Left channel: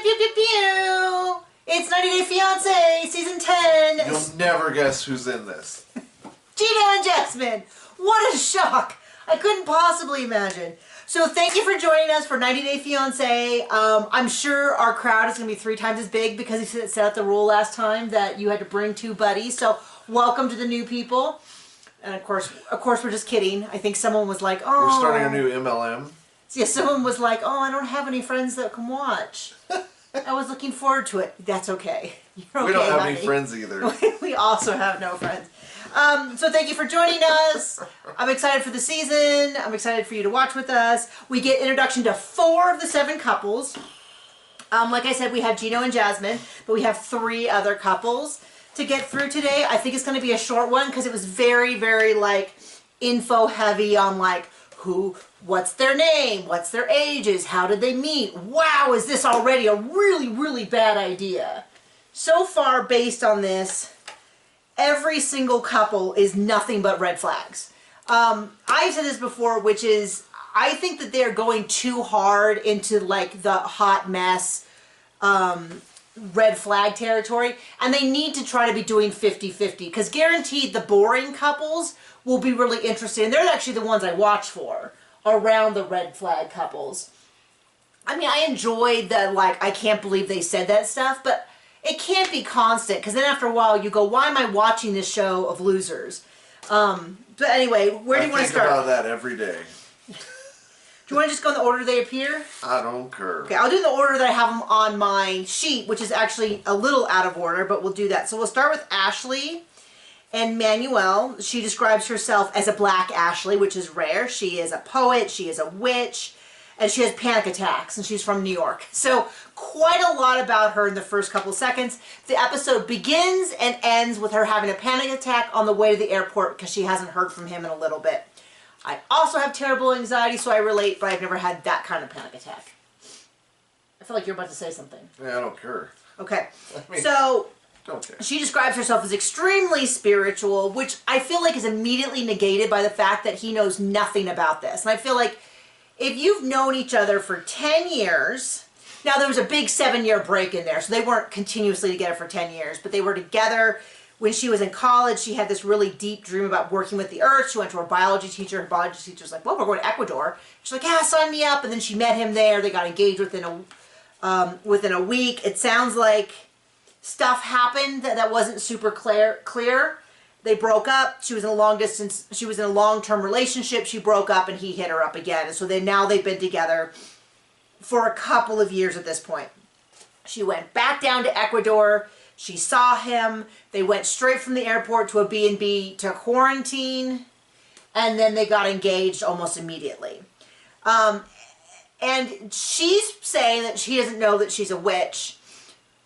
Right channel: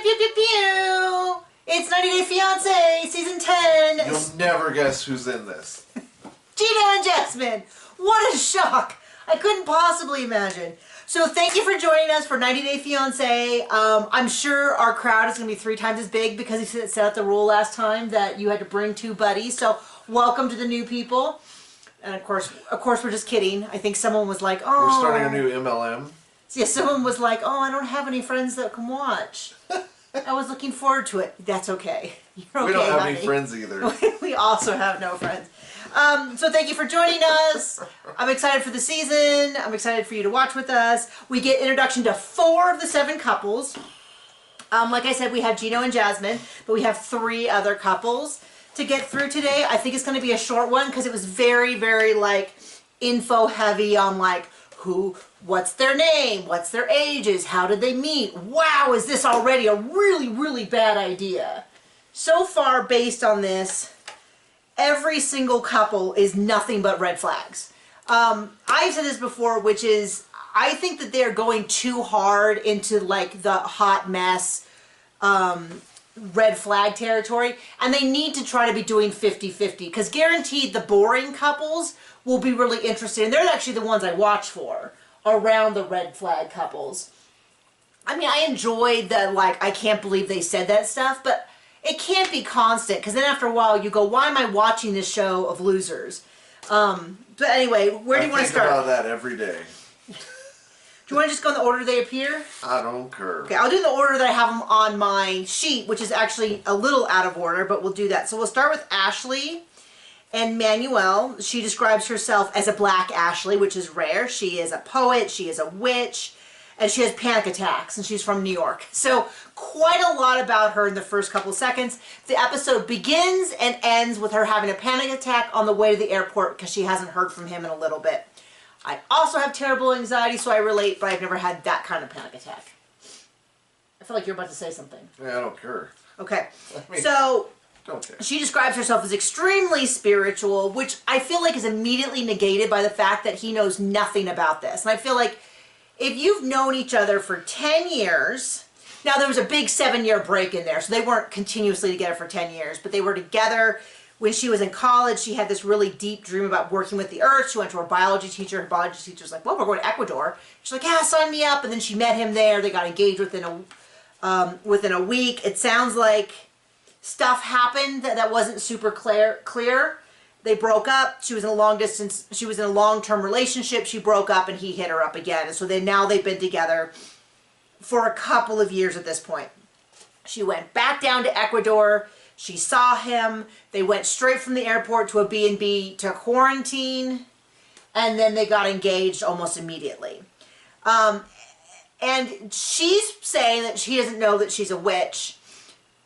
Pew, pew, pew, pew. It's 90 Day Fiance, Season 10. You'll never guess who's in this. Gino and Jasmine. What a shock. I couldn't possibly imagine. So thank you for joining us for 90 Day Fiance. I'm sure our crowd is going to be 3 times as big because he set out the rule last time that you had to bring 2 buddies. So welcome to the new people. And of course we're just kidding. I think someone was like, oh. We're starting a new MLM. Yeah, someone was like, oh, I don't have any friends that can watch. I was looking forward to it. That's okay. You're okay, we don't have honey. any friends either. We also have no friends. So thank you for joining us. I'm excited for the season. I'm excited for you to watch with us. We get introduction to 4 of the 7 couples. Like I said, we have Gino and Jasmine, but we have 3 other couples to get through today. I think it's going to be a short one because it was very, very like info heavy on like who, what's their name, what's their ages, how did they meet. Wow, is this already a really, really bad idea? So far, based on this, every single couple is nothing but red flags. I've said this before, which is, I think that they're going too hard into like the hot mess, red flag territory, and they need to try to be doing 50-50, because guaranteed the boring couples will be really interested, and they're actually the ones I watch for, around the red flag couples. I mean, I enjoyed the, like, I can't believe they said that stuff, but it can't be constant, because then after a while you go, why am I watching this show of losers? But anyway, where do you want to start? I think about that every day. Do you want to just go in the order they appear? I don't care. Okay, I'll do the order that I have them on my sheet, which is actually a little out of order, but we'll do that. So we'll start with Ashley and Manuel. She describes herself as a black Ashley, which is rare. She is a poet, she is a witch, and she has panic attacks, and she's from New York. So quite a lot about her in the first couple seconds. The episode begins and ends with her having a panic attack on the way to the airport because she hasn't heard from him in a little bit. I also have terrible anxiety, so I relate, but I've never had that kind of panic attack. I feel like you're about to say something. Yeah, I don't care. Okay. I mean, so don't care. She describes herself as extremely spiritual, which I feel like is immediately negated by the fact that he knows nothing about this. And I feel like if you've known each other for 10 years, now there was a big 7-year break in there, so they weren't continuously together for 10 years, but they were together. When she was in college, she had this really deep dream about working with the earth. She went to her biology teacher. Her biology teacher was like, well, we're going to Ecuador. She's like, yeah, sign me up. And then she met him there. They got engaged within a week. It sounds like stuff happened that wasn't super clear. They broke up. She was in a long-term relationship. She broke up and he hit her up again. And so now they've been together for a couple of years at this point. She went back down to Ecuador. She saw him. They went straight from the airport to a B&B to quarantine, and then they got engaged almost immediately. And she's saying that she doesn't know that she's a witch,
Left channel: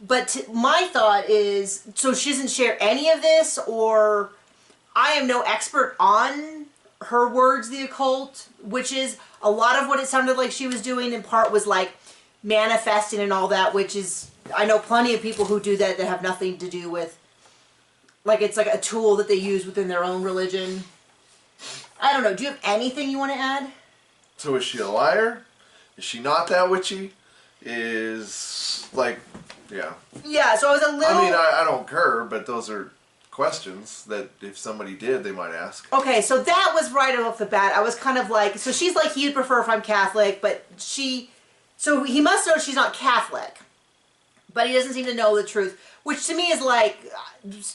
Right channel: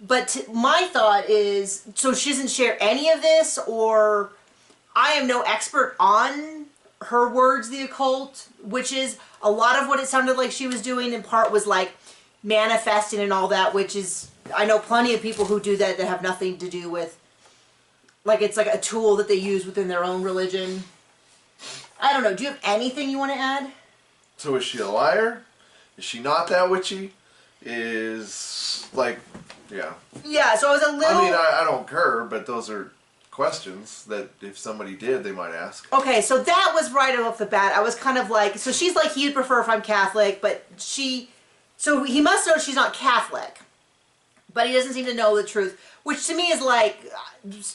but my thought is, so she doesn't share any of this, or I am no expert on her words, the occult, which is a lot of what it sounded like she was doing in part was like manifesting and all that, which is, I know plenty of people who do that have nothing to do with, like, it's like a tool that they use within their own religion. I don't know. Do you have anything you want to add? So is she a liar? Is she not that witchy? Is, like, yeah. Yeah, so I was a little... I mean, I don't care, but those are questions that if somebody did, they might ask. Okay, so that was right off the bat. I was kind of like, so she's like, he'd prefer if I'm Catholic, but so he must know she's not Catholic. But he doesn't seem to know the truth, which to me is like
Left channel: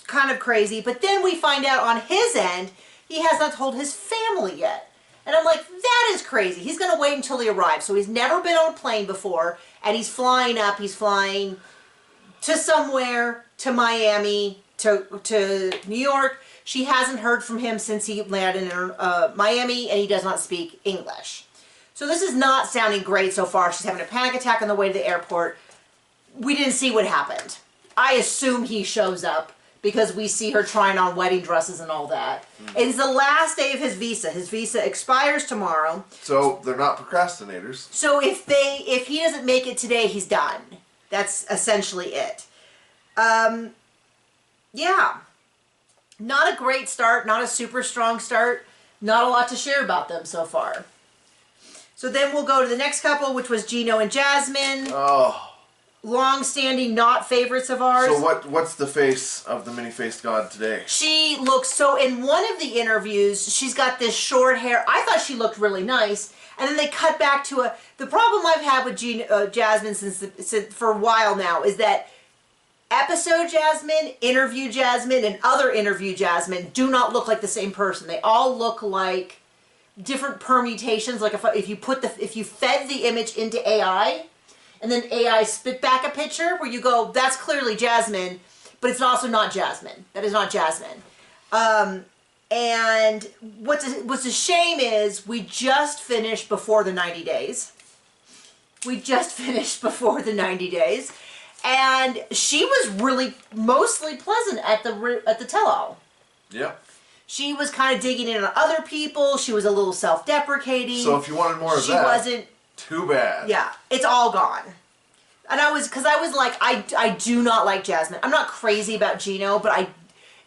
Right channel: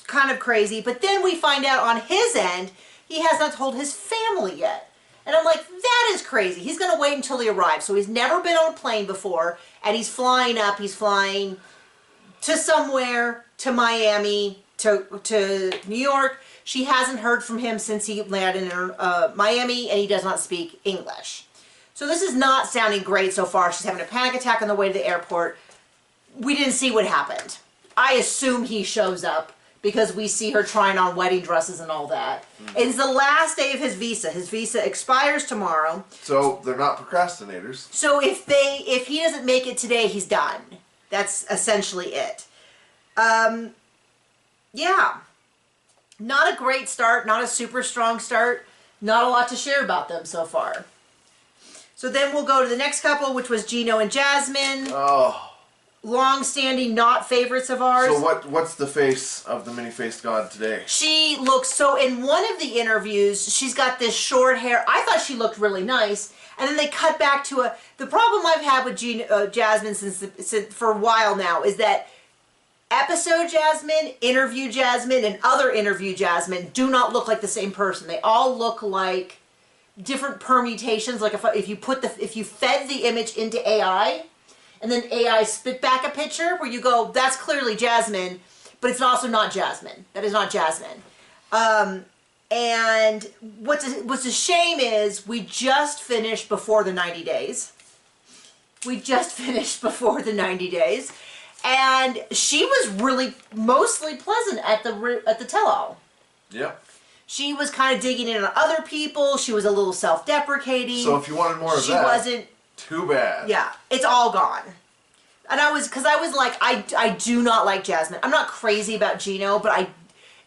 kind of crazy. But then we find out on his end, he has not told his family yet. And I'm like, that is crazy. He's going to wait until he arrives. So he's never been on a plane before, and he's flying up. He's flying to somewhere, to Miami, to New York. She hasn't heard from him since he landed in Miami, and he does not speak English. So this is not sounding great so far. She's having a panic attack on the way to the airport. We didn't see what happened. I assume he shows up because we see her trying on wedding dresses and all that. It's the last day of his visa. His visa expires tomorrow. So they're not procrastinators. So if he doesn't make it today, he's done. That's essentially it. Yeah. Not a great start. Not a super strong start. Not a lot to share about them so far. So then we'll go to the next couple, which was Gino and Jasmine. Oh. long-standing not favorites of ours. So what's the face of the many-faced god today? She looks, so in one of the interviews, she's got this short hair. I thought she looked really nice. And then they cut back to the problem I've had with Jasmine since for a while now is that episode Jasmine, interview Jasmine, and other interview Jasmine do not look like the same person. They all look like different permutations. Like if you fed the image into AI, and then AI spit back a picture where you go, that's clearly Jasmine, but it's also not Jasmine. That is not Jasmine. And what's a shame is we just finished before the 90 days. We just finished before the 90 days. And she was really mostly pleasant at the tell-all. Yeah. She was kind of digging in on other people. She was a little self-deprecating. So if you wanted more of that, she wasn't. Too bad. Yeah, it's all gone. And I was like, I do not like Jasmine. I'm not crazy about Gino, but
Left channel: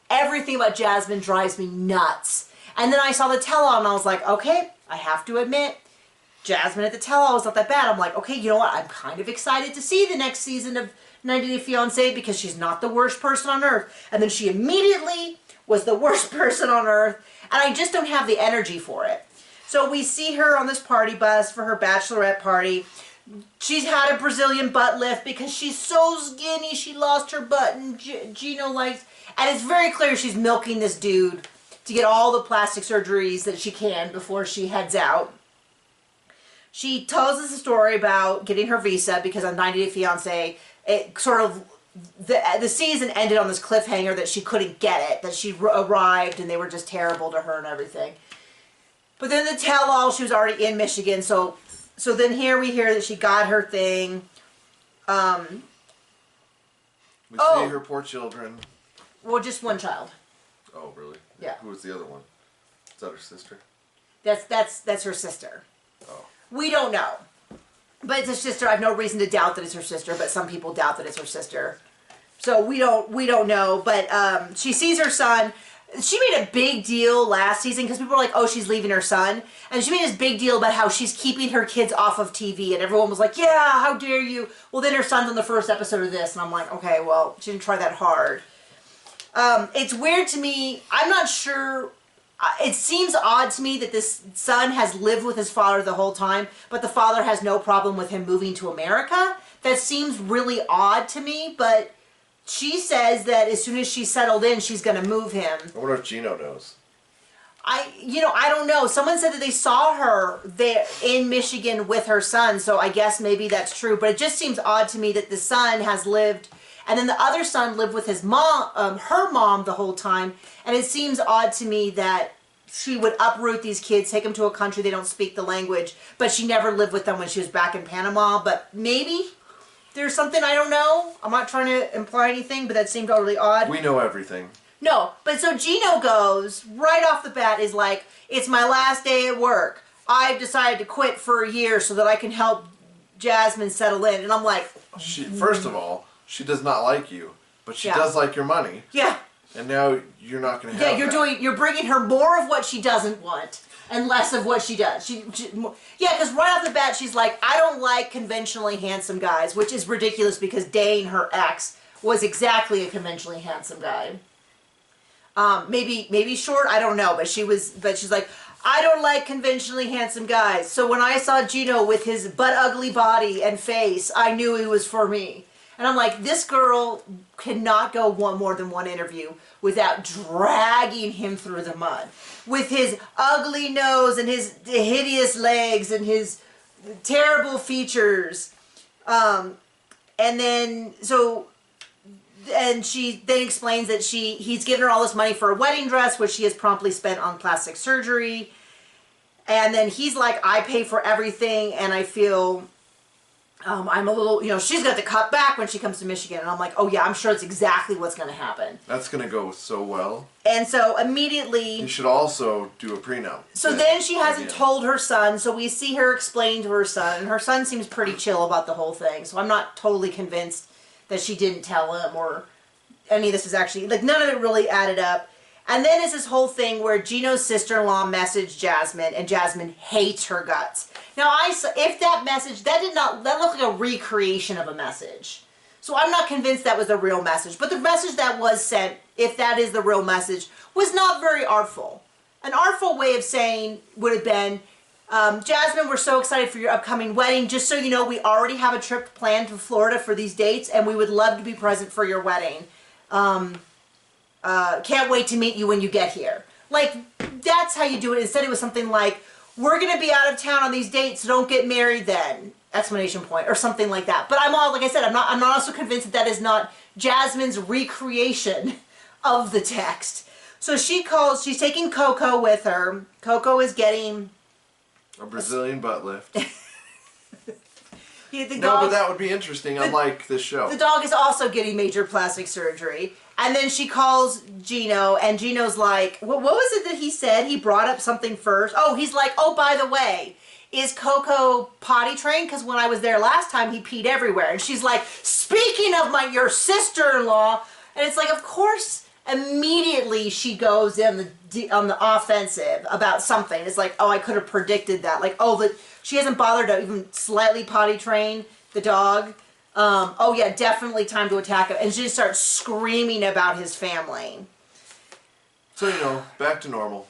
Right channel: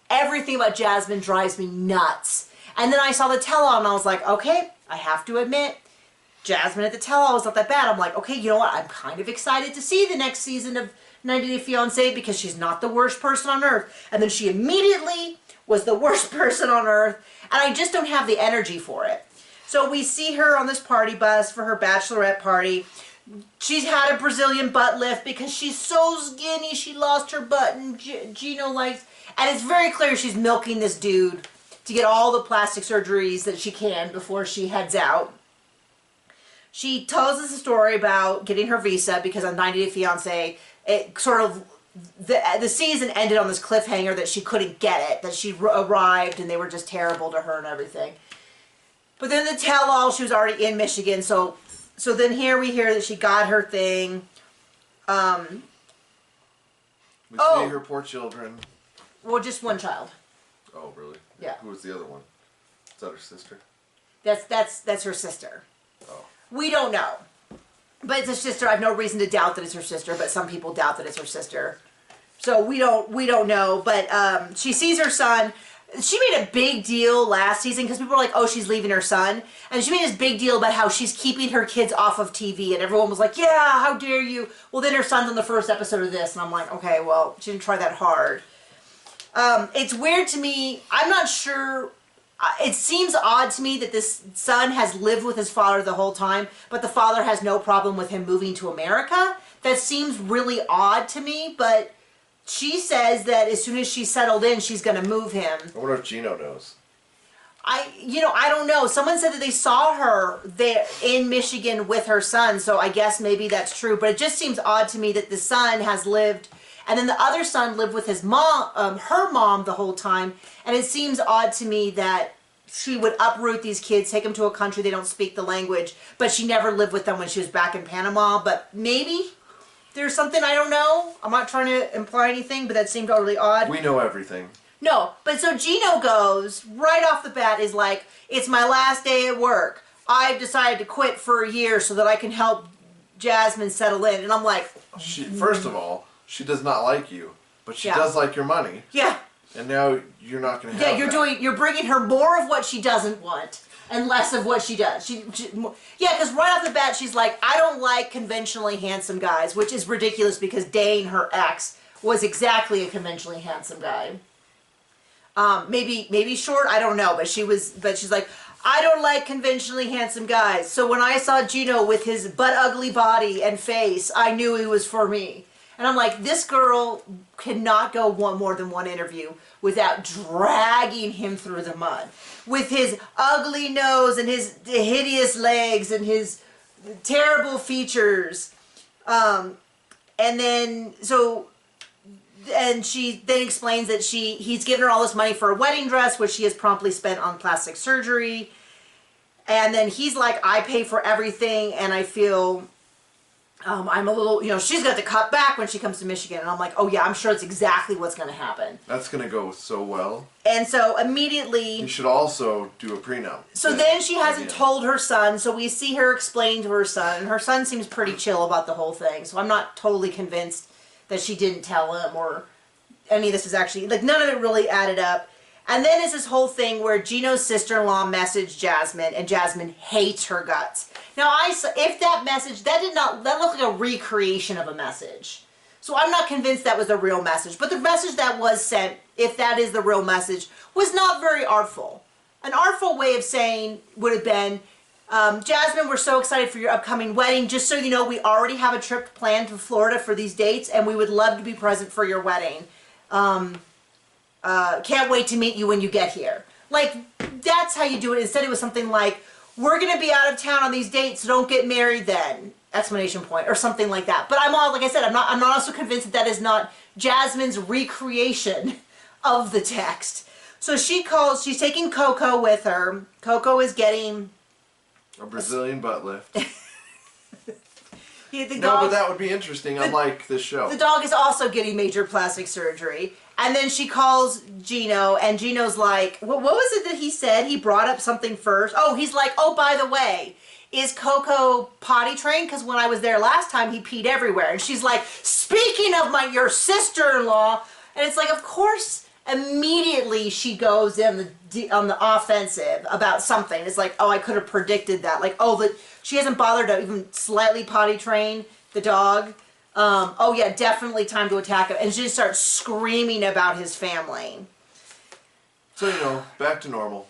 everything about Jasmine drives me nuts. And then I saw the tell-all and I was like, okay, I have to admit, Jasmine at the tell-all was not that bad. I'm like, okay, you know what? I'm kind of excited to see the next season of 90 Day Fiance because she's not the worst person on earth. And then she immediately was the worst person on earth. And I just don't have the energy for it. So we see her on this party bus for her bachelorette party. She's had a Brazilian butt lift because she's so skinny. She lost her butt and Gino likes... And it's very clear she's milking this dude to get all the plastic surgeries that she can before she heads out. She tells us a story about getting her visa because on 90 Day Fiancé, it sort of... The season ended on this cliffhanger that she couldn't get it, that she arrived and they were just terrible to her and everything. But then the tell-all, she was already in Michigan, so then here we hear that she got her thing. We see her poor children. Well, just one child. Oh, really? Yeah. Who was the other one? Is that her sister? That's her sister. Oh. We don't know. But it's her sister. I have no reason to doubt that it's her sister, but some people doubt that it's her sister. So we don't know. But she sees her son. She made a big deal last season because people were like, oh, she's leaving her son. And she made this big deal about how she's keeping her kids off of TV. And everyone was like, yeah, how dare you? Well, then her son's on the first episode of this. And I'm like, okay, well, she didn't try that hard. It's weird to me. I'm not sure. It seems odd to me that this son has lived with his father the whole time, but the father has no problem with him moving to America. That seems really odd to me, but she says that as soon as she's settled in, she's going to move him. I wonder if Gino knows. I don't know. Someone said that they saw her there in Michigan with her son, so I guess maybe that's true. But it just seems odd to me that the son has lived, and then the other son lived with his mom, her mom, the whole time. And it seems odd to me that she would uproot these kids, take them to a country they don't speak the language, but she never lived with them when she was back in Panama. But maybe there's something I don't know. I'm not trying to imply anything, but that seemed totally odd. We know everything. No, but so Gino goes, right off the bat, is like, it's my last day at work. I've decided to quit for a year so that I can help Jasmine settle in. And I'm like... First of all, she does not like you, but she does like your money. Yeah. And now you're not going to have you're bringing her more of what she doesn't want and less of what she does. Because right off the bat, she's like, I don't like conventionally handsome guys, which is ridiculous because Dane, her ex, was exactly a conventionally handsome guy. Maybe short, I don't know, but she's like, I don't like conventionally handsome guys. So when I saw Gino with his butt ugly body and face, I knew he was for me. And I'm like, this girl cannot go more than one interview without dragging him through the mud. With his ugly nose and his hideous legs and his terrible features. And she then explains that he's given her all this money for a wedding dress, which she has promptly spent on plastic surgery. And then he's like, I pay for everything, and I feel... I'm a little, she's got to cut back when she comes to Michigan. And I'm like, oh yeah, I'm sure it's exactly what's going to happen. That's going to go so well. And so immediately... You should also do a prenup. So then she hasn't told her son, so we see her explain to her son. And her son seems pretty chill about the whole thing. So I'm not totally convinced that she didn't tell him or any of this is actually... Like, none of it really added up. And then it's this whole thing where Gino's sister-in-law messaged Jasmine, and Jasmine hates her guts. Now, if that message, that looked like a recreation of a message. So I'm not convinced that was the real message. But the message that was sent, if that is the real message, was not very artful. An artful way of saying would have been, Jasmine, we're so excited for your upcoming wedding. Just so you know, we already have a trip planned to Florida for these dates, and we would love to be present for your wedding. Can't wait to meet you when you get here. Like, that's how you do it. Instead, it was something like, we're going to be out of town on these dates, so don't get married then. Exclamation point, or something like that. But I'm all, like I said, I'm not also convinced that that is not Jasmine's recreation of the text. So she's taking Coco with her. Coco is getting a Brazilian butt lift. The No, dog, but that would be interesting, unlike this show. the dog is also getting major plastic surgery. And then she calls Gino, and Gino's like, what was it that he said? He brought up something first. Oh, he's like, oh, by the way, is Coco potty trained? Because when I was there last time, he peed everywhere. And she's like, speaking of your sister-in-law. And it's like, of course, immediately she goes on the offensive about something. It's like, oh, I could have predicted that. Like, oh, she hasn't bothered to even slightly potty train the dog. Oh yeah, definitely time to attack him. And she just starts screaming about his family. So, you know, back to normal.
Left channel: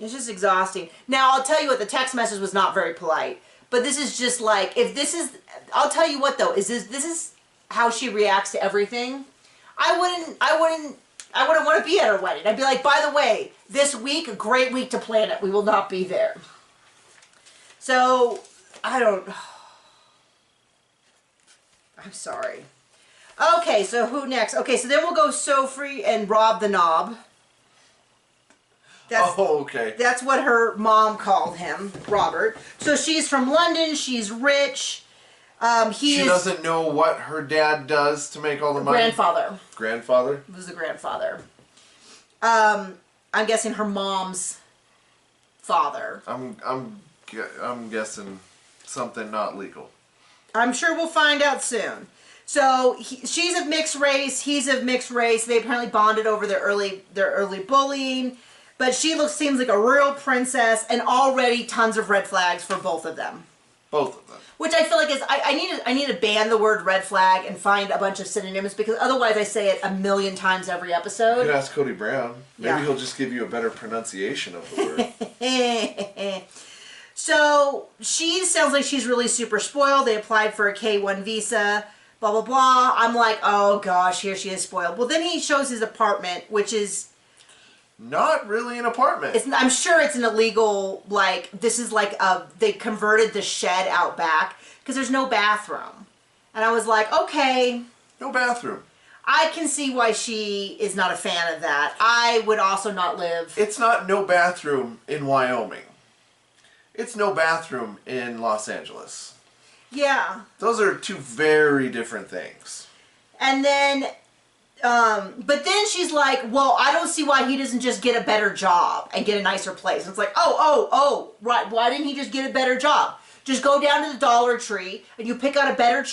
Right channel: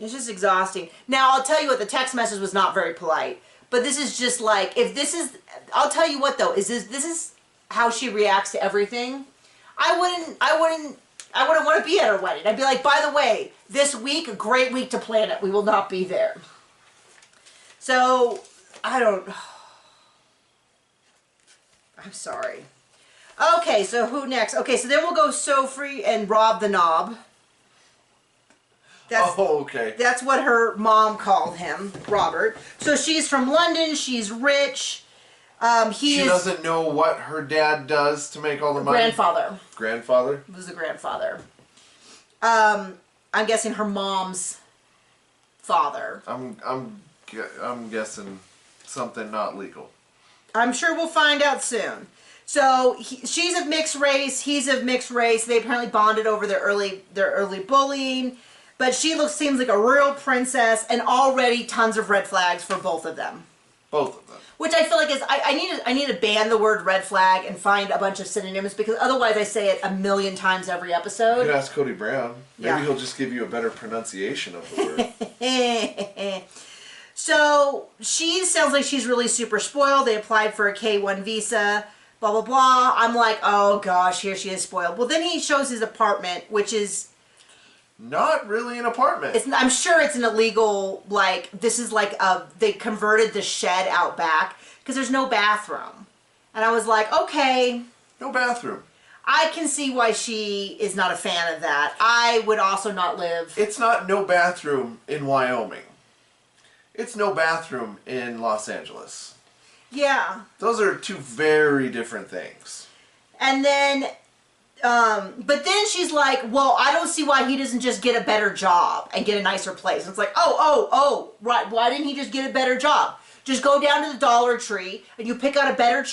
It's just exhausting. Now, I'll tell you what, the text message was not very polite. But this is just like, if this is, I'll tell you what though, this is how she reacts to everything. I wouldn't want to be at her wedding. I'd be like, by the way, this week, a great week to plan it. We will not be there. So, I'm sorry. Okay, so who next? Okay, so then we'll go Sophie and Rob the Knob. Okay. That's what her mom called him, Robert. So she's from London. She's rich. She doesn't know what her dad does to make all the money. Grandfather. Grandfather? It was the grandfather. I'm guessing her mom's father. I'm guessing something not legal. I'm sure we'll find out soon. So she's of mixed race. He's of mixed race. They apparently bonded over their early bullying. But she seems like a real princess, and already tons of red flags for both of them. Both of them. Which I feel like is I need to ban the word red flag and find a bunch of synonyms, because otherwise I say it a million times every episode. You could ask Cody Brown. Maybe he'll just give you a better pronunciation of the word. So she sounds like she's really super spoiled. They applied for a K-1 visa, blah, blah, blah. I'm like, oh gosh, here she is spoiled. Well, then he shows his apartment, which is not really an apartment. I'm sure it's an illegal, like, this is like they converted the shed out back because there's no bathroom. And I was like, okay. No bathroom. I can see why she is not a fan of that. I would also not live. It's not no bathroom in Wyoming. It's no bathroom in Los Angeles. Yeah. Those are two very different things. And then, but then she's like, well, I don't see why he doesn't just get a better job and get a nicer place. And it's like, oh, right. Why didn't he just get a better job? Just go down to the Dollar Tree and you pick out a better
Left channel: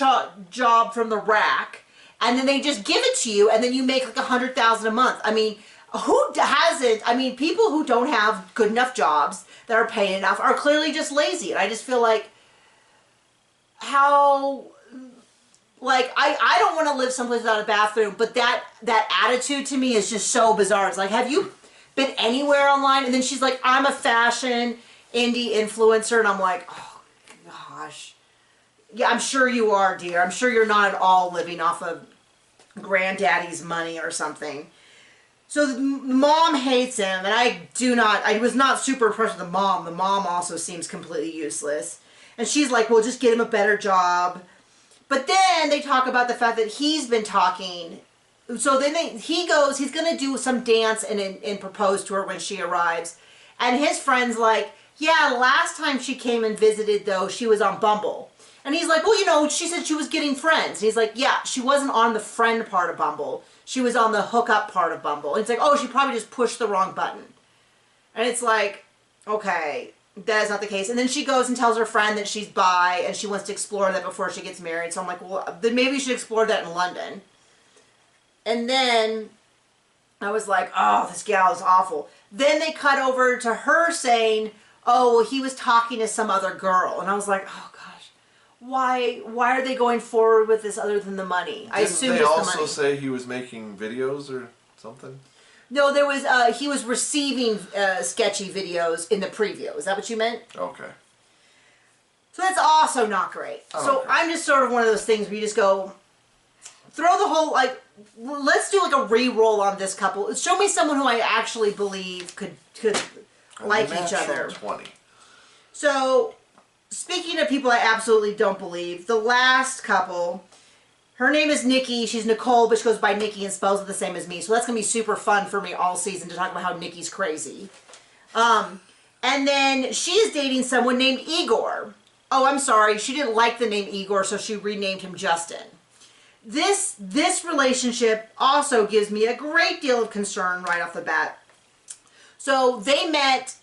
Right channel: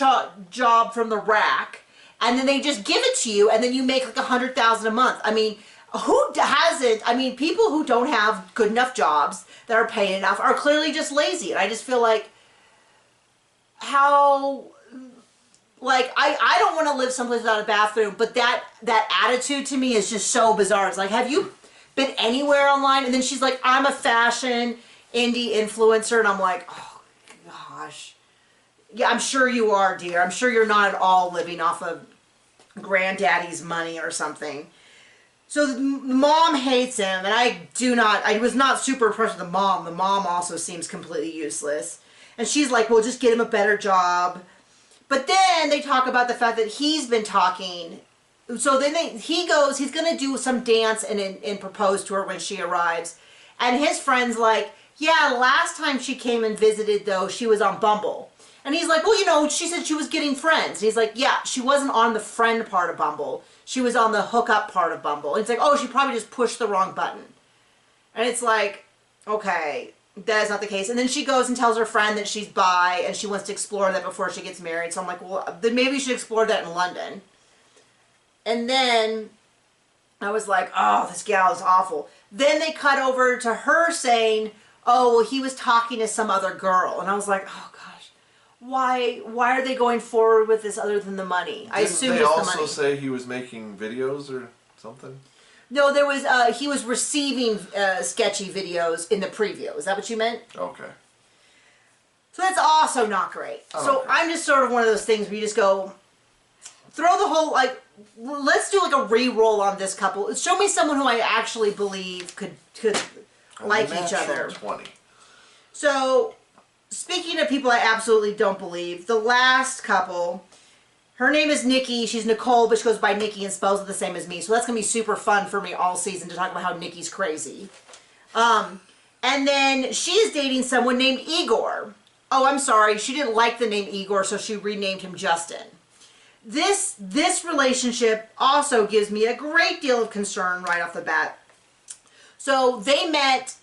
job from the rack, and then they just give it to you, and then you make like $100,000 a month. I mean, who hasn't? I mean, people who don't have good enough jobs that are paying enough are clearly just lazy. And I just feel like how, like, I don't want to live someplace without a bathroom, but that attitude to me is just so bizarre. It's like, have you been anywhere online? And then she's like, I'm a fashion indie influencer. And I'm like, oh gosh. Yeah, I'm sure you are, dear. I'm sure you're not at all living off of granddaddy's money or something. So the mom hates him, and I was not super impressed with the mom. The mom also seems completely useless. And she's like, well, just get him a better job. But then they talk about the fact that he's been talking. So then he goes, he's going to do some dance and propose to her when she arrives. And his friend's like, yeah, last time she came and visited, though, she was on Bumble. And he's like, well, you know, she said she was getting friends. And he's like, yeah, she wasn't on the friend part of Bumble. She was on the hookup part of Bumble. And it's like, oh, she probably just pushed the wrong button. And it's like, okay, that is not the case. And then she goes and tells her friend that she's bi and she wants to explore that before she gets married. So I'm like, well, then maybe you should explore that in London. And then I was like, oh, this gal is awful. Then they cut over to her saying, oh, well, he was talking to some other girl. And I was like, oh, gosh, why are they going forward with this other than the money? I assume Didn't they it's the money. also say he was making videos or something? No, there was he was receiving sketchy videos in the preview. Is that what you meant? Okay. So that's also not great. So I'm just sort of one of those things where you just go, throw the whole, like, let's do like a re-roll on this couple. Show me someone who I actually believe could like each other. 20. So, speaking of people I absolutely don't believe, the last couple, her name is Nikki. She's Nicole, but she goes by Nikki and spells it the same as me. So that's going to be super fun for me all season to talk about how Nikki's crazy. And then she is dating someone named Igor. Oh, I'm sorry. She didn't like the name Igor, so she renamed him Justin. This relationship also gives me a great deal of concern right off the bat. So they met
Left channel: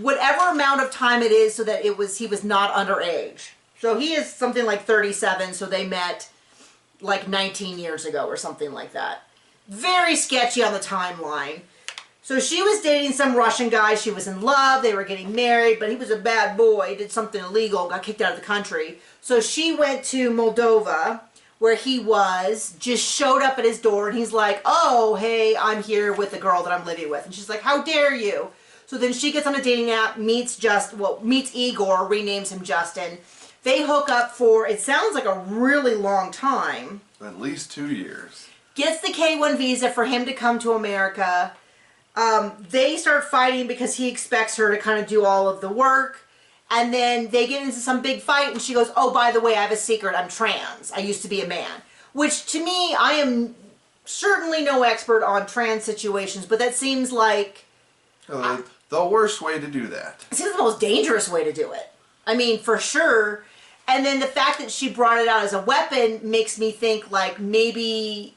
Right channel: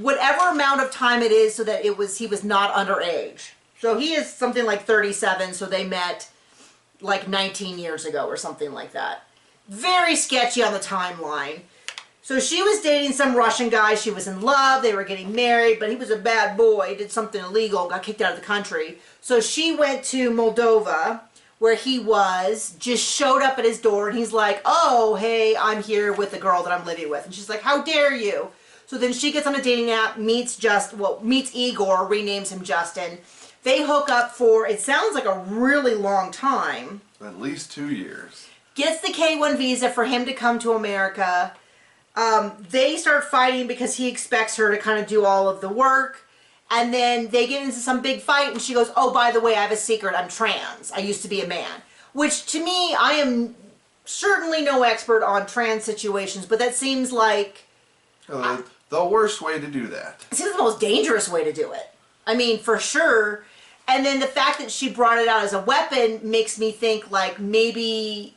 whatever amount of time it is so that he was not underage. So he is something like 37, so they met like 19 years ago or something like that. Very sketchy on the timeline. So she was dating some Russian guy. She was in love. They were getting married, but he was a bad boy, did something illegal, got kicked out of the country. So she went to Moldova, where he was, just showed up at his door, and he's like, oh, hey, I'm here with the girl that I'm living with. And she's like, how dare you? So then she gets on a dating app, meets Igor, renames him Justin. They hook up for, it sounds like a really long time. At least 2 years. Gets the K-1 visa for him to come to America. They start fighting because he expects her to kind of do all of the work. And then they get into some big fight and she goes, oh, by the way, I have a secret. I'm trans. I used to be a man. Which to me, I am certainly no expert on trans situations, but that seems like... the worst way to do that. It seems the most dangerous way to do it. I mean, for sure. And then the fact that she brought it out as a weapon makes me think like maybe...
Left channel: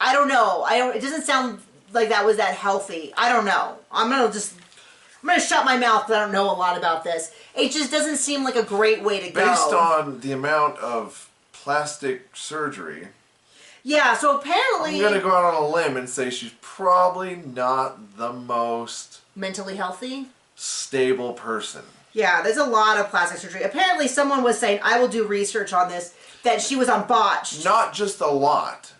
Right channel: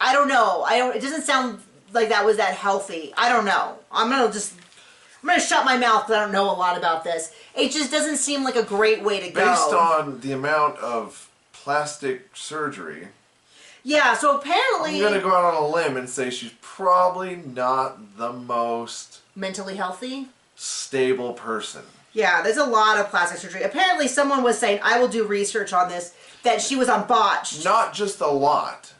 I don't know. It doesn't sound like that was that healthy. I don't know. I'm going to shut my mouth because I don't know a lot about this. It just doesn't seem like a great way to go. Based on the amount of plastic surgery. Yeah, so apparently... I'm going to go out on a limb and say she's probably not the most... mentally healthy? Stable person. Yeah, there's a lot of plastic surgery. Apparently someone was saying, I will do research on this, that she was on botched. Not just a lot,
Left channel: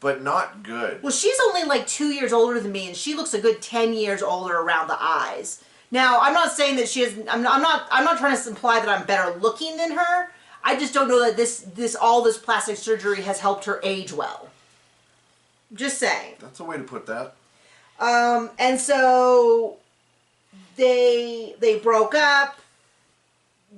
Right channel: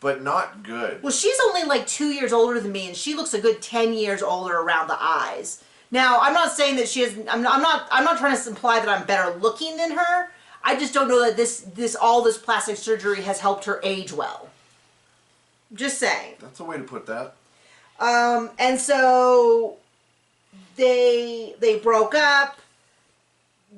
but not good. Well, she's only like 2 years older than me, and she looks a good 10 years older around the eyes. Now, I'm not saying that she is. I'm not trying to imply that I'm better looking than her. I just don't know that all this plastic surgery has helped her age well. Just saying. That's a way to put that. And so they broke up.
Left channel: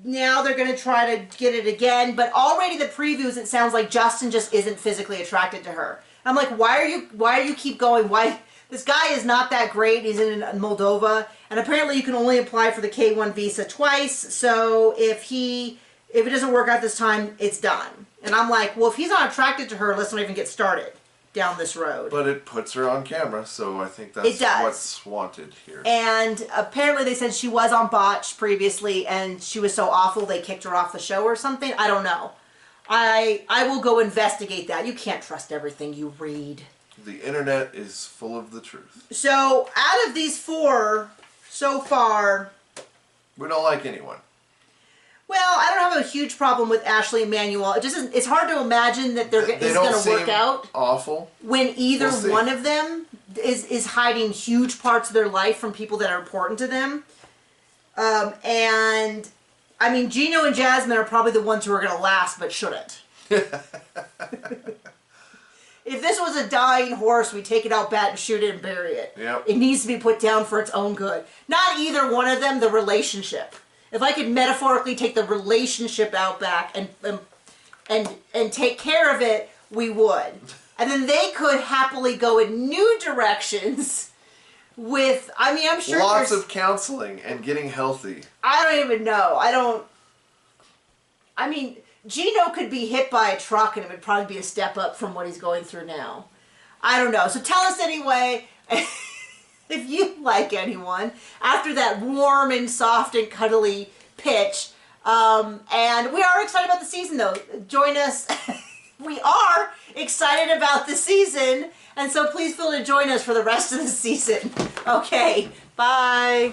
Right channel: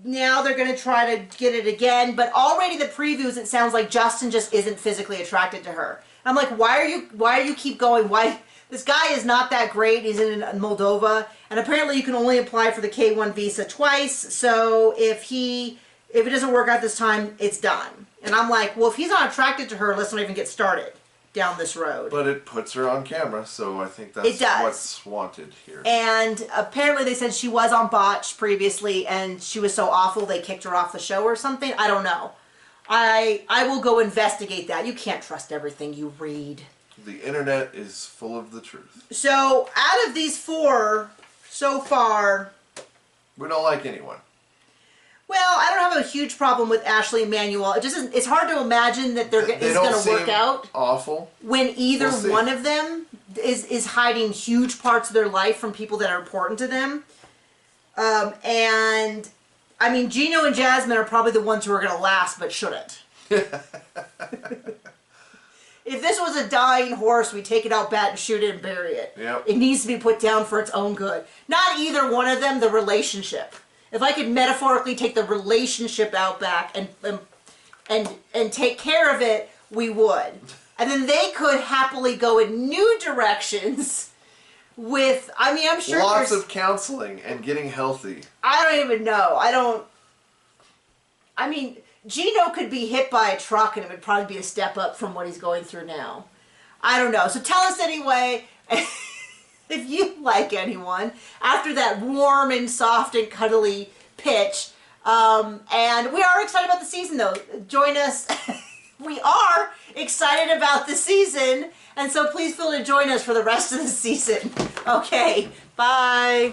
Now they're going to try to get it again, but already the previews, it sounds like Justin just isn't physically attracted to her. I'm like, why are you keep going? Why? This guy is not that great. He's in Moldova, and apparently you can only apply for the K-1 visa twice. So if it doesn't work out this time, it's done. And I'm like, well, if he's not attracted to her, let's not even get started down this road. But it puts her on camera, so I think that's what's wanted here. And apparently they said she was on botch previously, and she was so awful they kicked her off the show or something. I don't know. I will go investigate that. You can't trust everything you read. The internet is full of the truth. So, out of these 4, so far... we don't like anyone. Well, I don't have a huge problem with Ashley and Manuel. It's hard to imagine that it's going to work out. Awful. When either one of them is hiding huge parts of their life from people that are important to them. And, I mean, Gino and Jasmine are probably the ones who are going to last, but shouldn't. If this was a dying horse, we take it out back and shoot it and bury it. Yep. It needs to be put down for its own good. Not either one of them, the relationship. If I could metaphorically take the relationship out back and take care of it, we would. And then they could happily go in new directions with, I mean, I'm sure lots of counseling and getting healthy. I don't even know. I mean, Gino could be hit by a truck and it would probably be a step up from what he's going through now. I don't know. So tell us anyway if you like anyone after that warm and soft and cuddly pitch. And we are excited about the season though. Join us. We are excited about the season. And so please feel to join us for the rest of the season. Okay. Bye.